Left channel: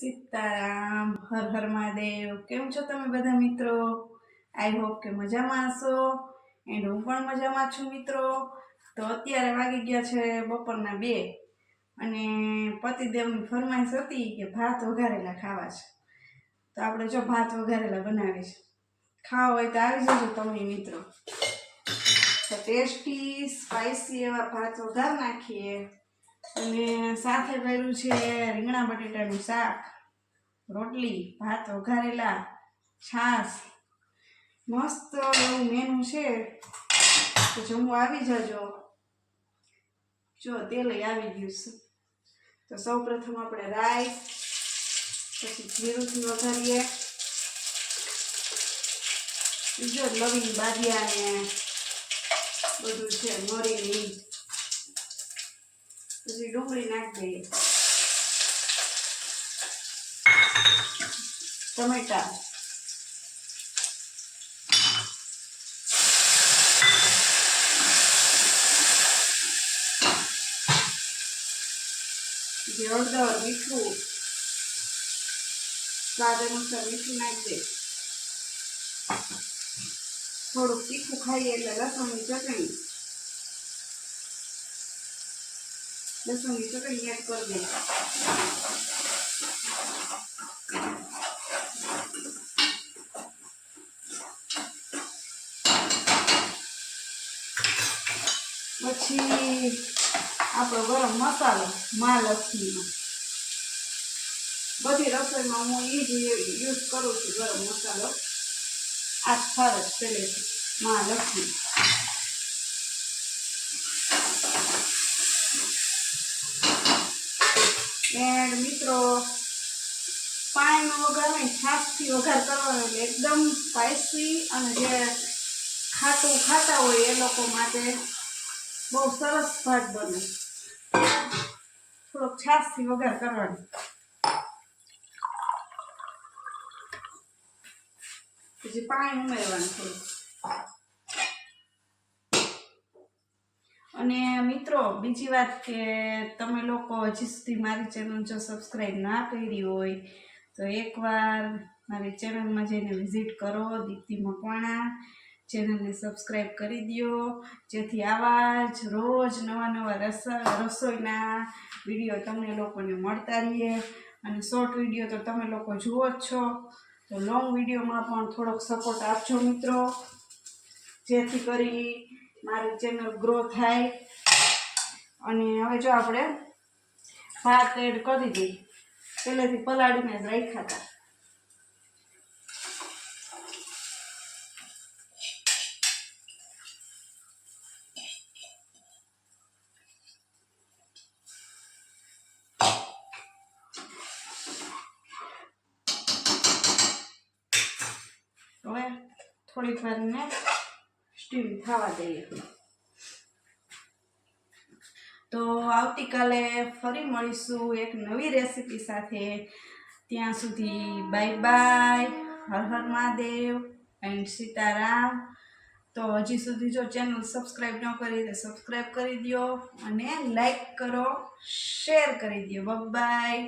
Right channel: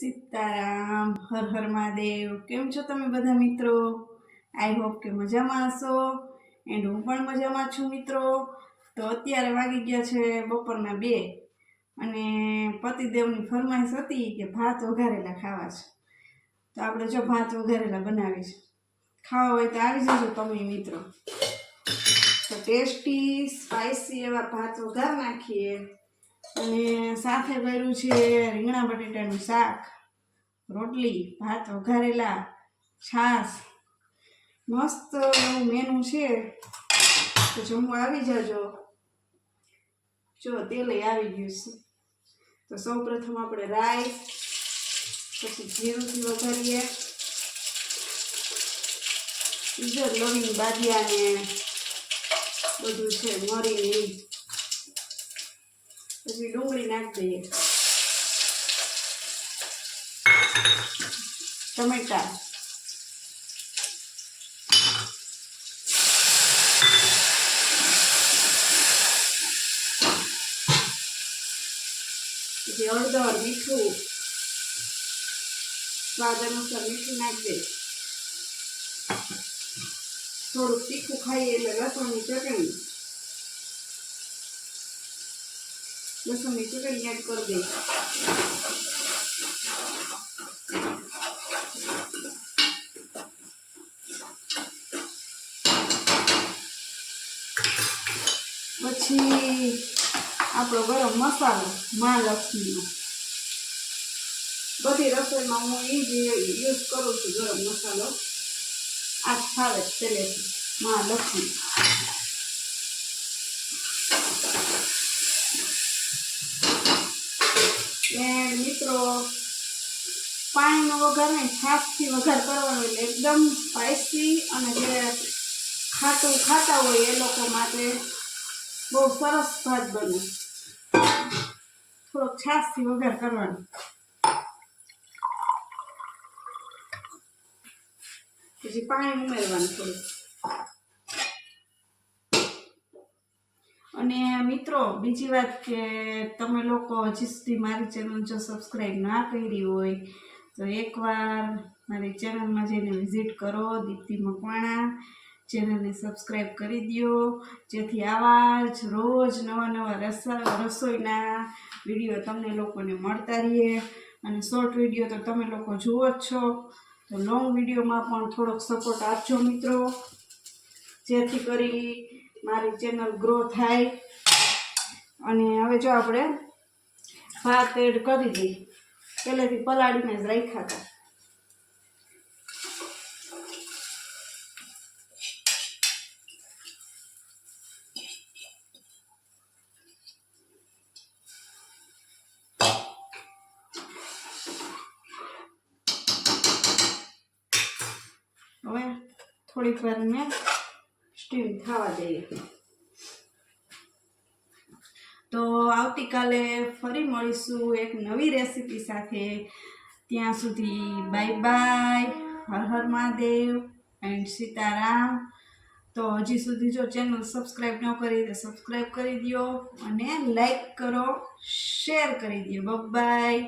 સીતારામ, હર હર મહાદેવ। કેમ છો તમે બધા મિત્રો? આઈ હોપ કે મજામાં હશો એન્ડ હું પણ મજામાં છું મિત્રો। તો અત્યારે વાગી ગયા છે બપોરના 2 અને પતિદેવની ફરમાઈશ હતી કે ભાત વઘારેલા ખાવા છે, તો આપણે જો ભાત વઘારેલા બનાવીશ। ખાવા હોય તો આવી જજો તમે મિત્રો। તો ટેસ્ટી સ્પાઇસી એવા ભાત વઘાર નાખીએ અને સાથે કર્યું છે રીંગણા બટેટાનું શાક, રોટલી, ભાત વઘારેલા, છાશ, મસ્ત એવું મેનુ છે। તો જમવા આવી જજો। જો તેલ આવી ગયું છે, તો સૌ પ્રથમ આપણે રાઈ, પછી જીરુંથી વઘારીએ, જો લવિંગ બાદિયા ને બધું છે મરી, પછી ડુંગળી નાખી દઈએ, ટમેટા, પછી હળદર, મીઠું, સ્વાદ અનુસાર મીઠું નાખી દઈએ। થોડુંક તીખું ખાઈએ એટલે લસણની ચટણી એડ કરી દઈએ। પછી આપણો ગરમ મસાલો મહાલક્ષ્મીનો, બધી રસોઈમાં હું એ જ યુઝ કરું છું ગરમ મસાલો, આ જ ફાવે જ પહેલેથી મહાલક્ષ્મી। એન્ડ મિત્રો પાણીનો વઘાર નહીં, છાશથી વઘાર કરવાનો એટલે એકદમ સ્પાઇસી અને જે ખાટું ખાતા હોય એ લોકો માટે બહુ સરસ ભાત બને। થોડોક છાશથી વઘાર કરવાનો, પછી પાણી ઉમેરવાનું થોડું। અને મિત્રો બીજી વાત કે તમે લોકો હજી સુધી મારી ચેનલ જો સબસ્ક્રાઈબ ના કરી હોય તો એકવાર મારી ચેનલમાં જઈને વિઝિટ કરો, દીપ્તિ મકવાણા। ચેનલને સબસ્ક્રાઈબ કરી દો, જેથી આવા જ રોજ નવા રસોઈના વિડીયો તમને લોકોને મળતા રહીએ। અને શોર્ટ વિડીયો તો તમે લોકો જુઓ જ છો, તો લોંગ વિડીયોમાં પણ થોડોક સપોર્ટ આપજો મિત્રો, જેથી કરી મારી ચેનલ ગ્રો થાય। અને હવે જો આપણે ભાત એડ કરી દઈએ, પહેલેથી પલાળીને જ રાખ્યા હતા। હવે થોડીક વાર ને સ્ટીમ થવા દઈએ। તો આવતીકાલે ફરી મળીશું એક નવી રેસીપી સાથે। ત્યાં સુધી bye bye, Har Har Mahadev and Sitaram. તો હજી સુધી જો ચેનલ સબસ્ક્રાઈબ ન કરી તો સબસ્ક્રાઈબ કરી દો અને લાઈક કરો, શેર કરી દો। Bye bye.